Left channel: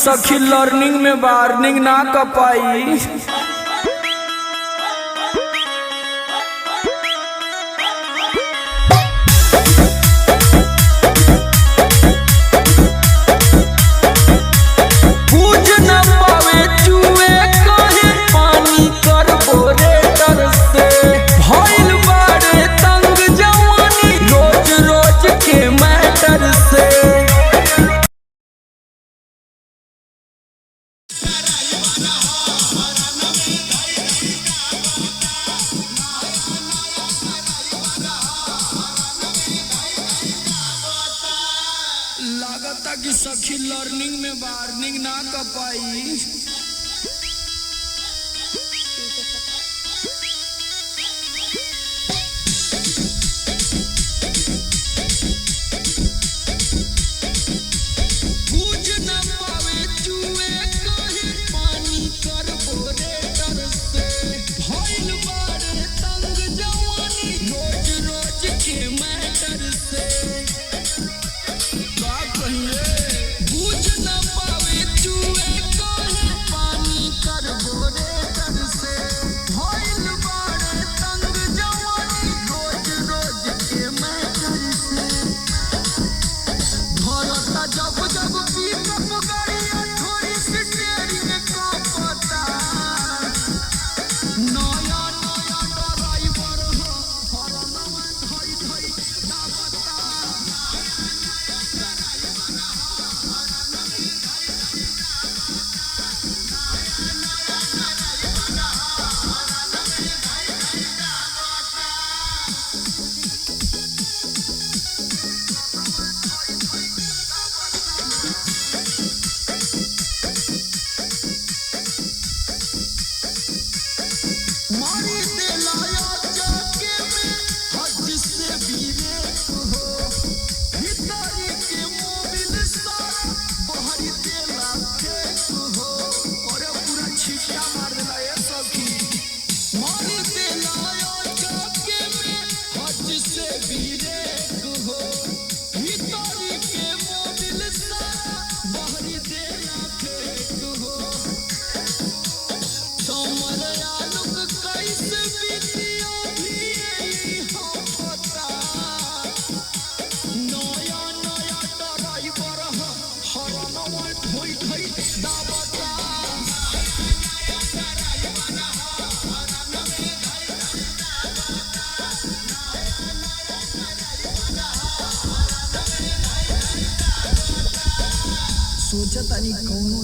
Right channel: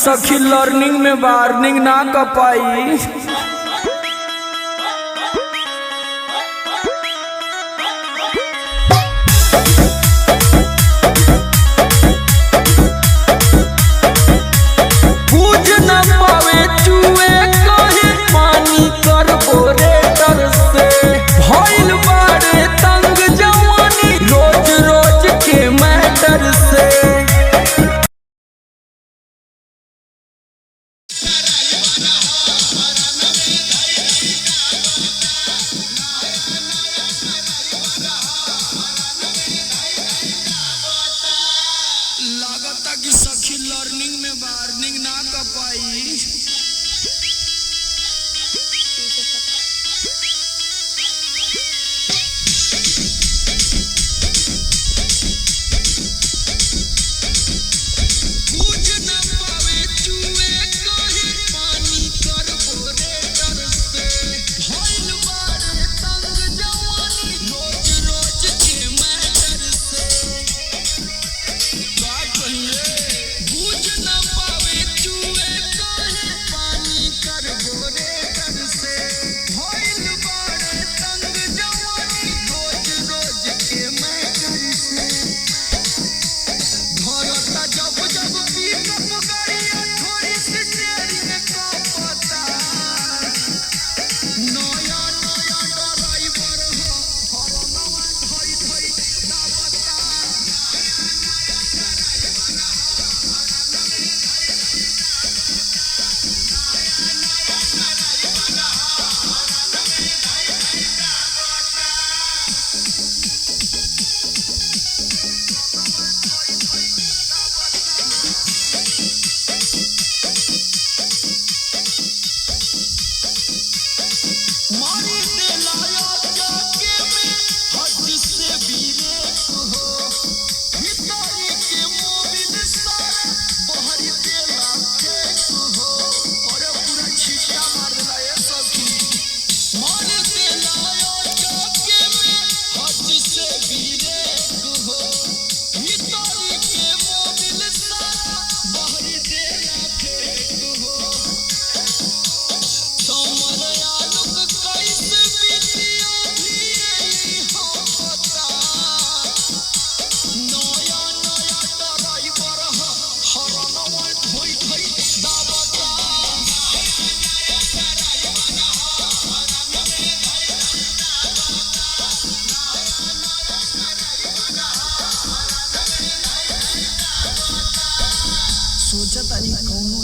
सखी लर्निंग में वार्निंग ना कर पाई। पूछ न पावे चुए कहे पानी कर बोरेटर से भइल बारे तंग जवानी रोज रोज के मैटर से। लागता कि सखी लर्निंग में वार्निंग ना कर पाई। पूछ न पावे चुए कहे पानी कर बोरेटर से भइल बारे तंग जवानी रोज रोज के मैटर से। पूछ न पावे चुए कहे पानी कर बोरेटर से भइल बारे तंग जवानी रोज रोज के मैटर से। भरता जब जब पिकअप गाड़ी थोड़ी सी देरी में का पता नया ड्राइवर हो फरना धोई धोई मारी दे लाया जाके में हद से भी रेत हो भितारी के मोबिल सारे बहरी देला फेंक हो और पूरा छिटा मार देला ये सखी। मारी दे लाया जाके में हद से भी रेत हो भितारी के मोबिल सारे बहरी देला फेंक हो। सोचा तारी कौनो